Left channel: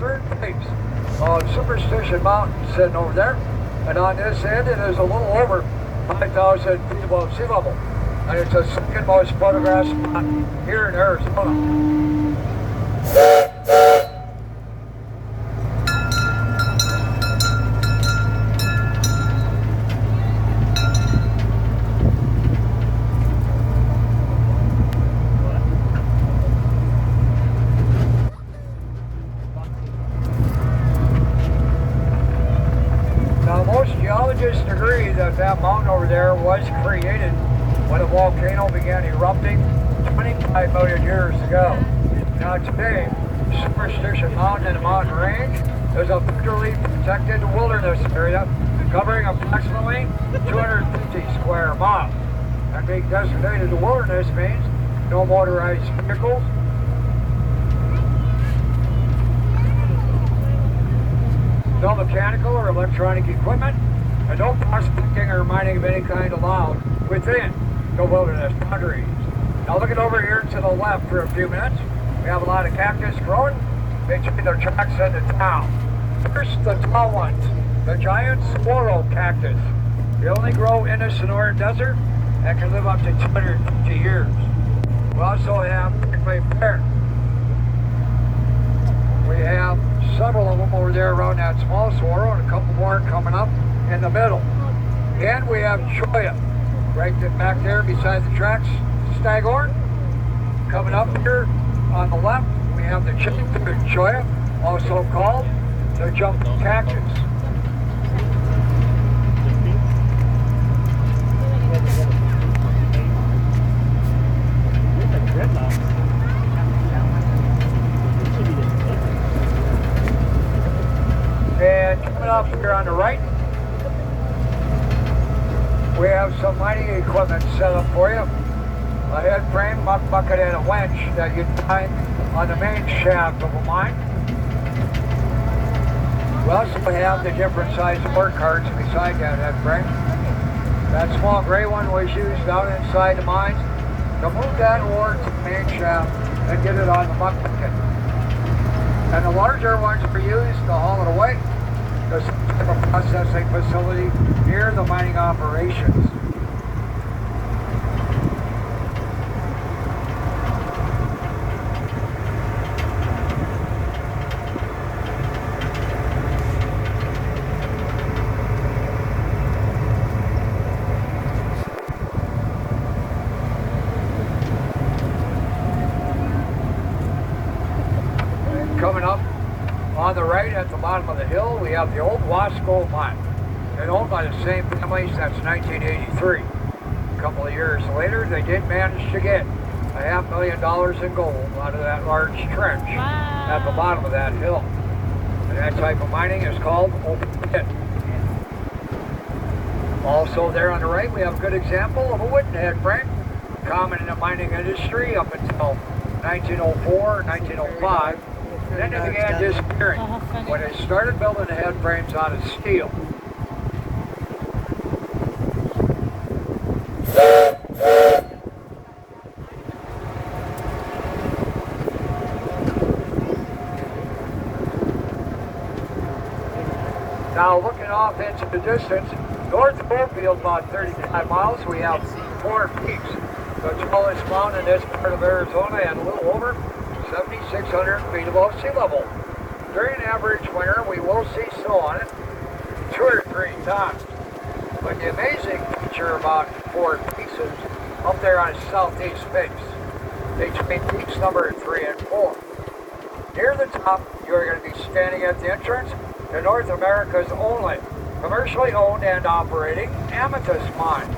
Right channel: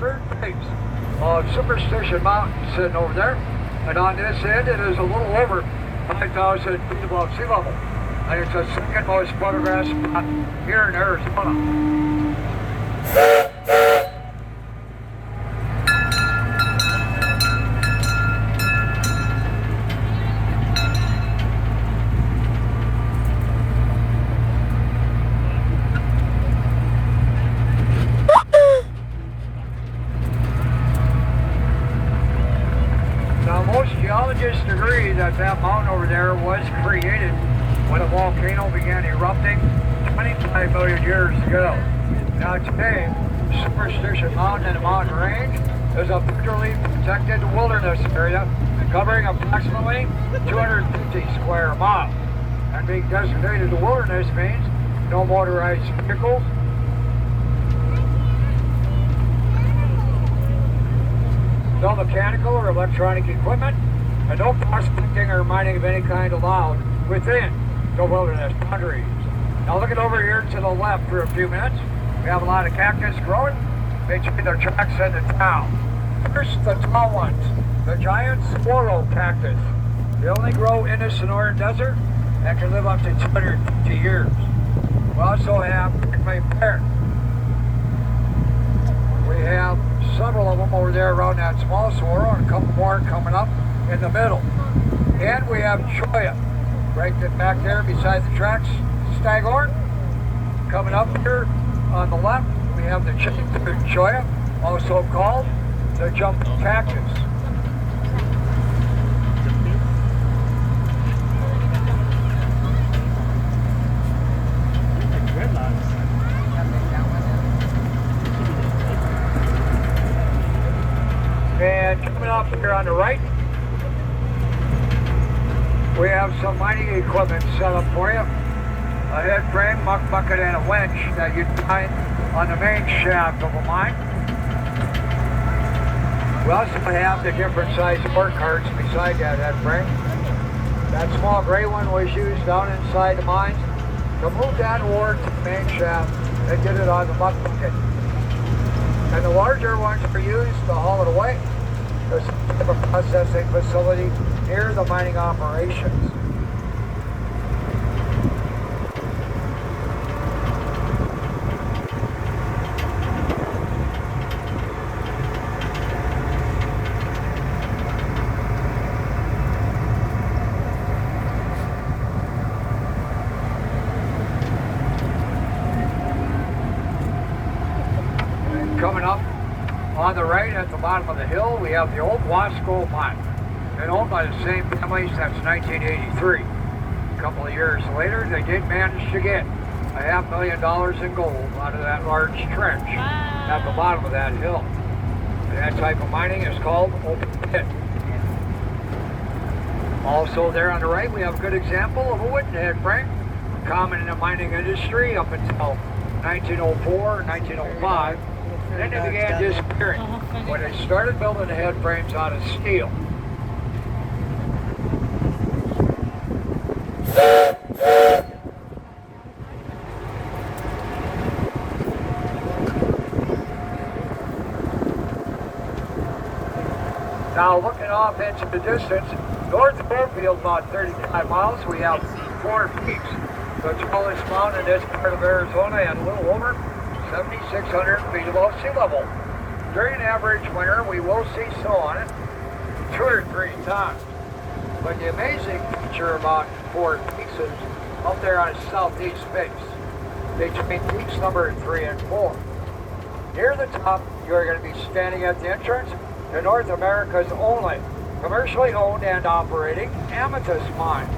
western base of Superstition Mountain sitting over there. And on this end, it is a little over 5,000 feet above sea level. And it's the second most photographed spot here in Arizona. Geologists agree that that mountain over there was created when a volcano began erupting 25 million years ago. Now today, Superstition Mountain and the mountain range is a federally protected wilderness area covering approximately 250 square miles. And being designated a wilderness means no motorized vehicles, no mechanical or electronic equipment, and no prospecting or mining of any kind allowed within the wilderness boundaries. Now looking over here to the left for a few minutes, we have a lot of cactus growing between the tracks and the town. First, the tall ones, the giant squirrel cactus. They only grow in the Sonora Desert and can live up to 250 years. We also have prickly pear. We have several of them over there around that small swirl, and a couple more coming up in the middle. And we have cholla, right back there beside the tracks, staghorn. Coming up here on the left, we have the chicken cholla, also called the jumping cactus. And coming up here on the right, we have some mining equipment set up for you. A head frame, muck bucket, and a winch that you'd find on the main shaft of a mine. We also have the different size work carts beside that head frame. That small gray one was used down inside the mines to move that ore to the main shaft and get it on the muck bucket. And the larger ones were used to haul it away. There's a processing facility near the mining operations. And coming up on the right at the bottom of the hill, we have the old Wasp Gold Mine. Been owned by the same family since 1983. A couple of years later, they did manage to get $500,000 in gold out of that large trench at the bottom of that hill. And that type of mining is called open pit. Also there on the right, we have a good example of a wooden head frame, common in the mining industry up until 1904, 1905. Then they began disappearing when they started building the head frames out of steel. Now looking off into the distance, north of Goldfield, about 35 miles, we have four peaks. The tallest mountain in this part of Arizona and a little over 7,600 feet above sea level. During an average winter, we will see snow on it 2 or 3 times. But the amazing feature about four peaks is up there on the southeast face, between peaks number 3 and 4. Near the top, you're going to be standing at the entrance to North America's only commercially owned and operating amethyst mine.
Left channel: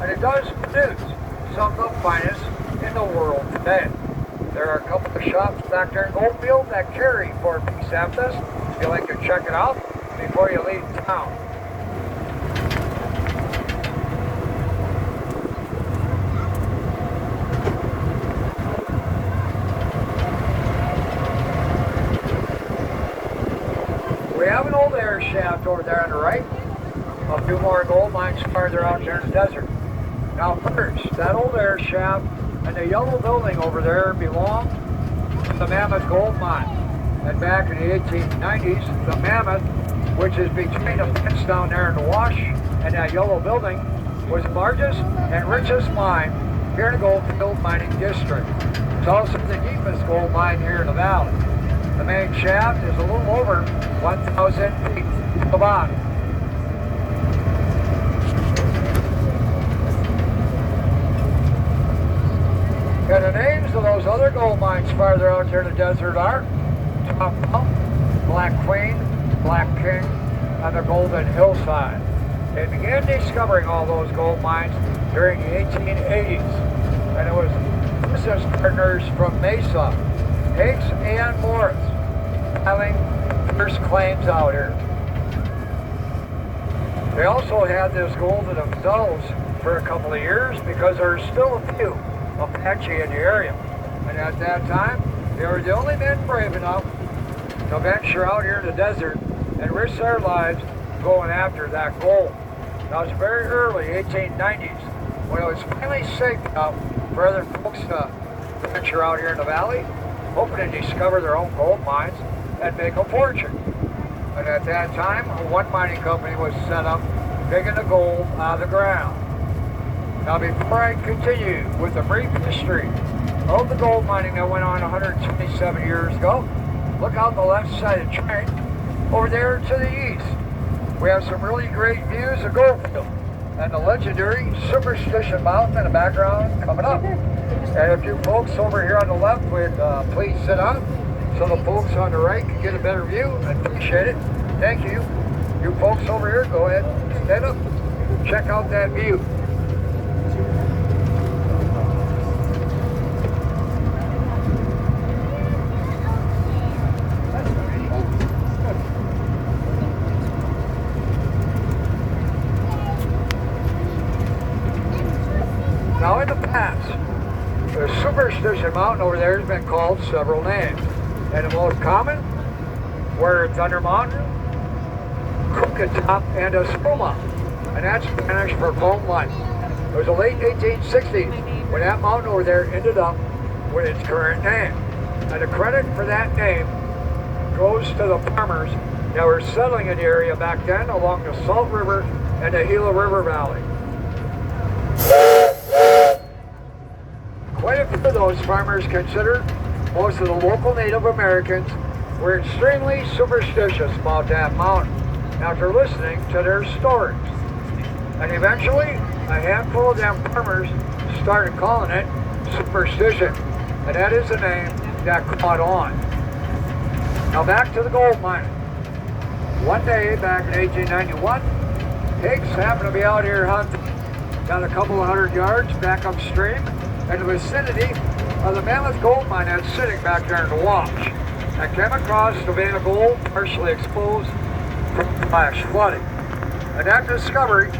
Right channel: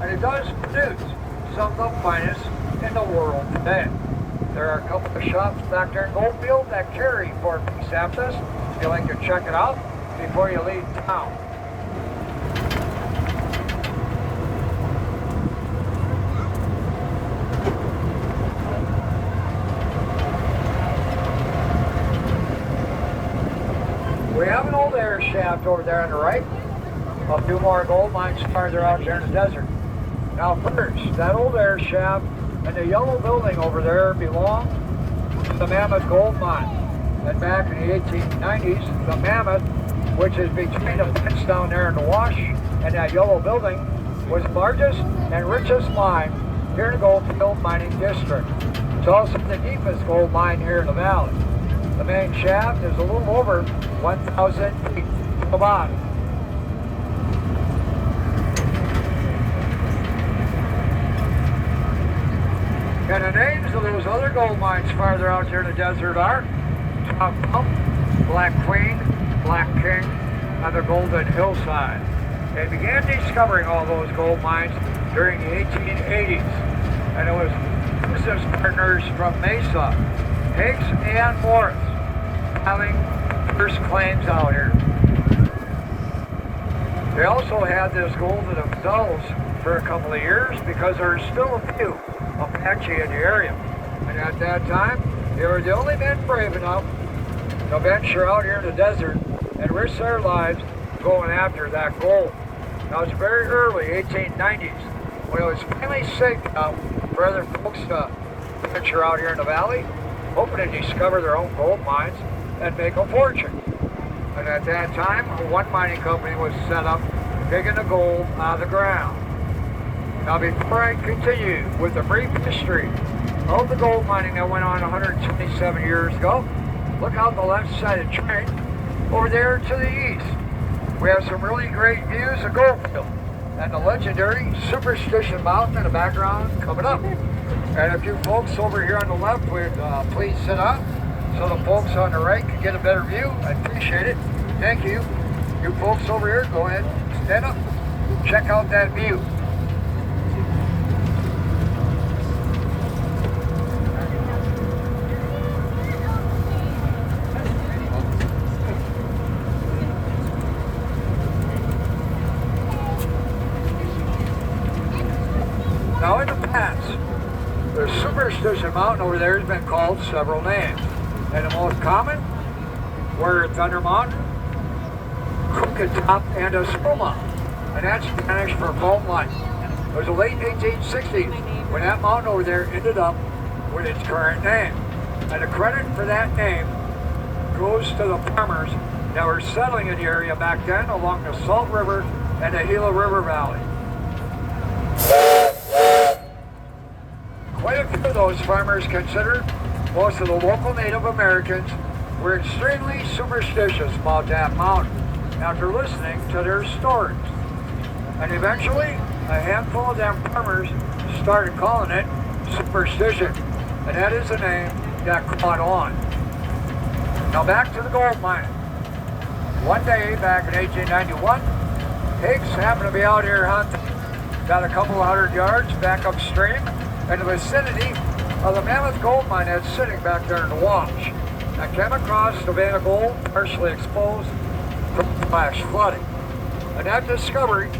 And it does produce some of the finest in the world today. There are a couple of shops back there in Goldfield that carry for amethyst. You'd like to check it out before you leave town. We have an old air shaft over there on the right. A few more gold mines farther out there in the desert. Now first, that old air shaft and the yellow building over there belong to the Mammoth Gold Mine. And back in the 1890s, the Mammoth, which is between the fence down there in the wash and that yellow building, was the largest and richest mine here in the Goldfield mining district. It's also the deepest gold mine here in the valley. The main shaft is a little over 1,000 feet to the bottom. And the names of those other gold mines farther out there in the desert are Top Mountain, Black Queen, Black King, and the Golden Hillside. They began discovering all those gold mines during the 1880s, and it was business partners from Mesa, Hicks and Morris, filing first claims out here. They also had this gold to themselves for a couple of years because there were still a few Apache in the area. And at that time, they were the only men brave enough to venture out here in the desert and risk their lives going after that gold. Now, it was very early, 1890s, when it was finally safe enough for other folks to venture out here in the valley, hoping to discover their own gold mines and make a fortune. And at that time, one mining company was set up, taking the gold out of the ground. Now, before I continue with the brief history of the gold mining that went on 127 years ago, look out the left side of the train, over there to the east. We have some really great views of Goldfield and the legendary Superstition Mountain in the background coming up. And if you folks over here on the left would please sit up so the folks on the right can get a better view. I appreciate it. Thank you. You folks over here, go ahead, stand up, check out that view. Now in the past, the Superstition Mountain over there has been called several names. And the most common were Thunder Mountain, Crooked Top, and Espuma. And that's Spanish for foam line. It was the late 1860s when that mountain over there ended up with its current name. And the credit for that name goes to the farmers that were settling in the area back then along the Salt River and the Gila River Valley. Quite a few of those farmers considered most of the local Native Americans were extremely superstitious about that mountain after listening to their stories. And eventually, a handful of them farmers started calling it Superstition, and that is the name that caught on. Now back to the gold mine. One day back in 1891, Hicks happened to be out here hunting, got a couple 100 yards back upstream in the vicinity of the Mammoth gold mine that's sitting back there in the wash. I came across the vein of gold partially exposed from flash flooding. And that discovery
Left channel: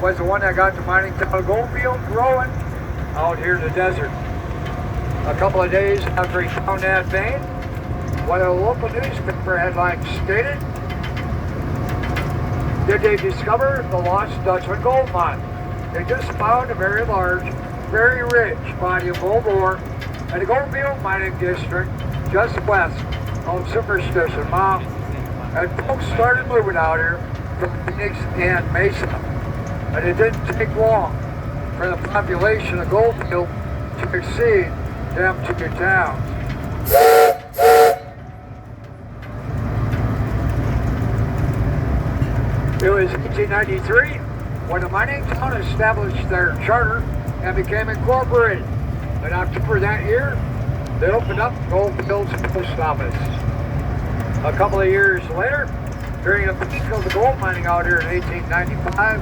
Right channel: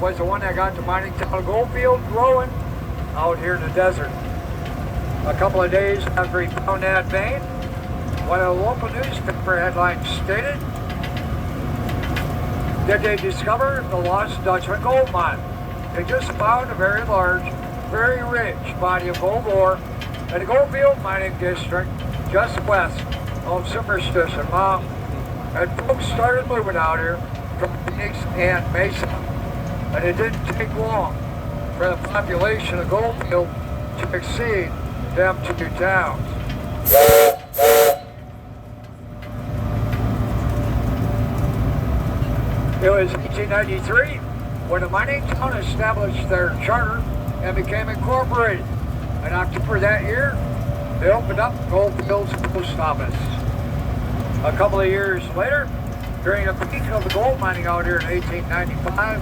was the one that got the mining town of Goldfield growing out here in the desert. A couple of days after he found that vein, one of the local newspaper headlines stated, "Did they discover the Lost Dutchman gold mine? They just found a very large, very rich body of gold ore in the Goldfield mining district just west of Superstition Mountain." And folks started moving out here from Phoenix and Mesa. And it didn't take long for the population of Goldfield to exceed them two towns. It was 1893 when the mining town established their charter and became incorporated. In October that year, they opened up Goldfield's post office. A couple of years later, during the peak of the gold mining out here in 1895,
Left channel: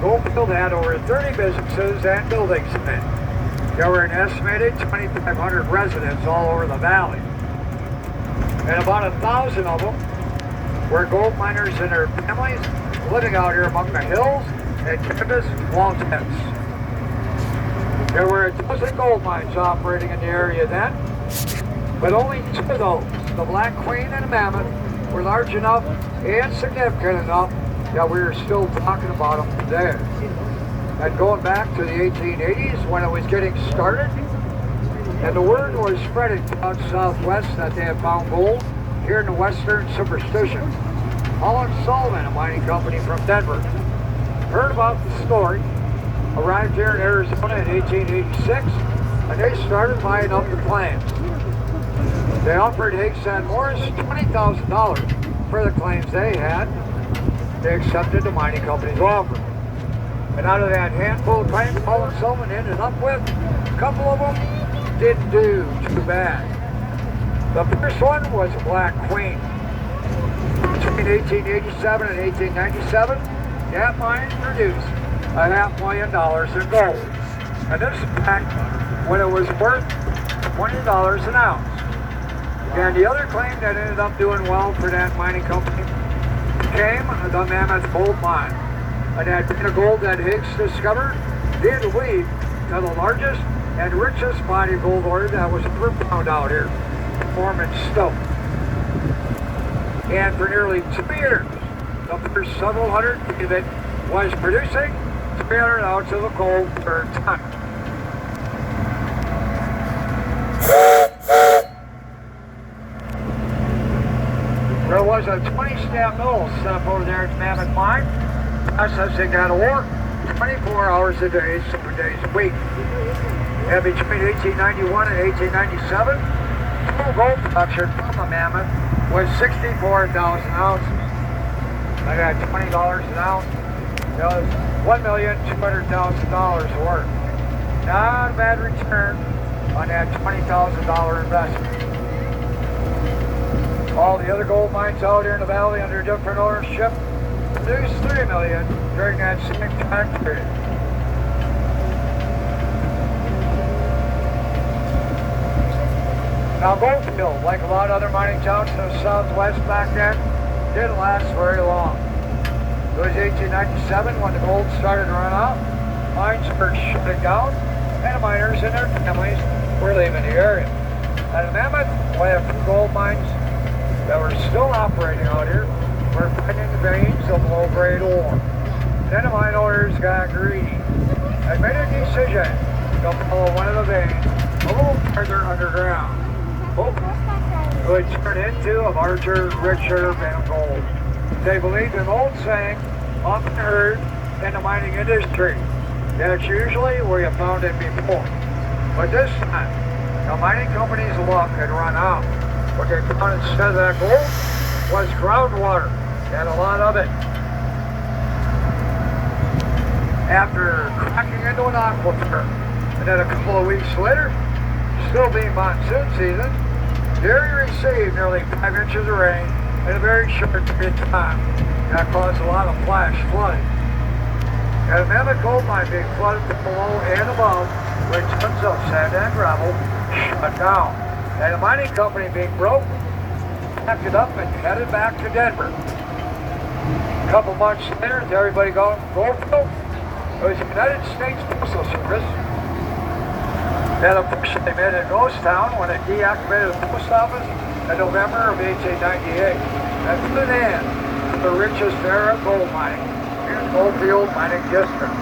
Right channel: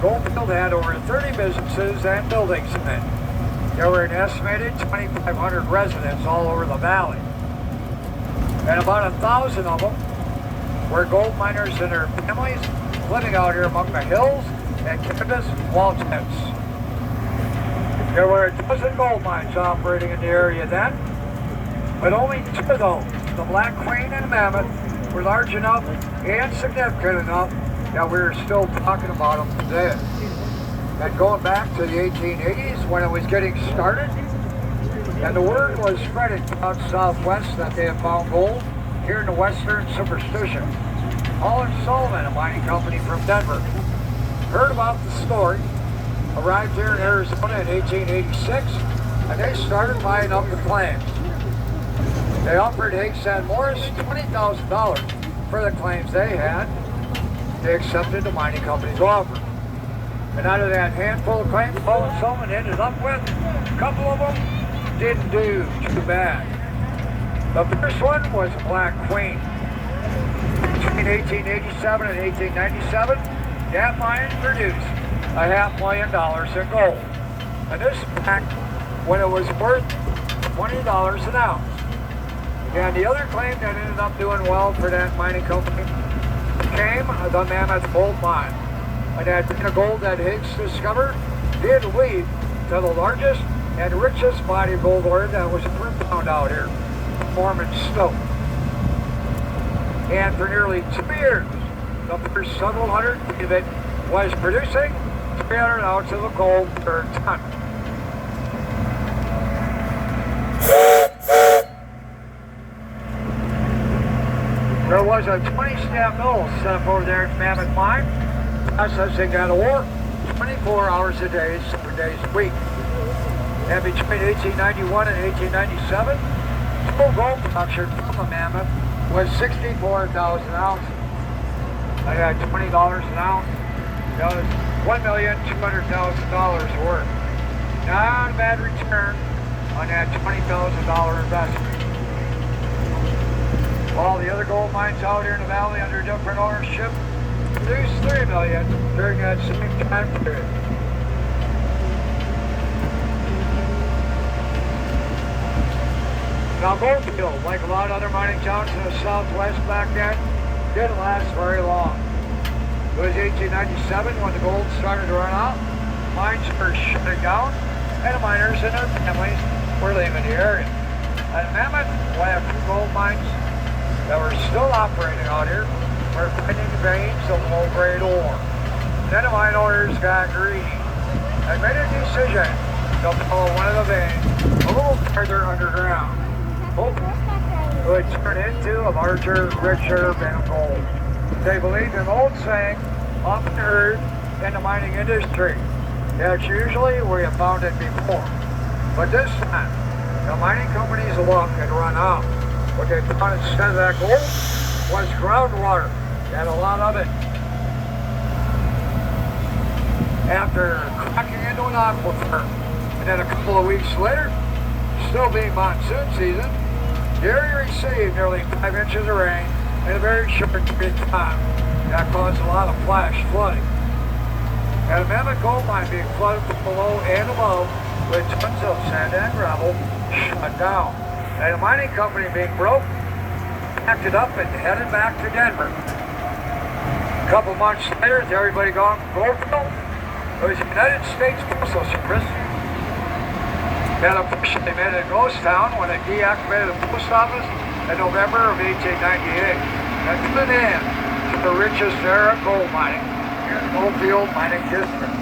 Goldfield had over 30 businesses and buildings in it. There were an estimated 2,500 residents all over the valley. And about 1,000 of them were gold miners and their families living out here among the hills and canvas wall tents. There were a dozen gold mines operating in the area then, but only two of those, the Black Queen and Mammoth, were large enough and significant enough that we're still talking about them today. And going back to the 1880s when it was getting started, and the word was spreading out southwest that they had found gold here in the Western Superstition. Holland Sullivan, a mining company from Denver, heard about the story, arrived here in Arizona in 1886, and they started buying up the claims. They offered Higgs and Morris $20,000 for the claims they had. They accepted the mining company's offer. And out of that handful of claims Holland Sullivan ended up with, a couple of them didn't do too bad. The first one was a Black Queen. Between 1887 and 1897, that mine produced $500,000 in gold. And this is back when it was worth $20 an ounce. And the other claim that ended up doing well for that mining company became the Mammoth Gold Mine. And that bit of gold that Higgs discovered did lead to the largest and richest body of gold ore that was ever found out here, Mormon Stoke. And for nearly 2 years, the first several hundred of it was producing 300 ounces of gold per ton. There was a 20-stamp mill set up over there at Mammoth Mine. Processing that ore 24 hours a day, 7 days a week. And between 1891 and 1897, total gold production from the Mammoth was 64,000 ounces. I got $20 an ounce. That was $1,200,000 worth. Not a bad return on that $20,000 investment. All the other gold mines out here in the valley under different ownership produced $3 million during that same time period. Now Goldfield, like a lot of other mining towns in the southwest back then, didn't last very long. It was 1897 when the gold started to run out, mines were shutting down, and the miners and their families were leaving the area. And Mammoth, one of the gold mines that were still operating out here, were finding veins of low-grade ore. Then the mine owners got greedy and made a decision to follow one of the veins a little further underground. It would turn into a larger, richer than gold. They believed an old saying, often heard in the mining industry. That's usually where you found it before. But this time, the mining company's luck had run out. What they found instead of that gold was groundwater, and a lot of it. After cracking into an aquifer, and then a couple of weeks later, still being monsoon season, the area received nearly 5 inches of rain in a very short period of time. That caused a lot of flash flooding. And Mammoth Gold Mine being flooded from below and above with tons of sand and gravel shut down. And the mining company being broke, packed it up and headed back to Denver. A couple months later, with everybody gone from Goldfield, it was the United States Postal Service that officially made it a ghost town when it deactivated the post office in November of 1898. And put an end to the richest era of gold mining here in the Goldfield mining district.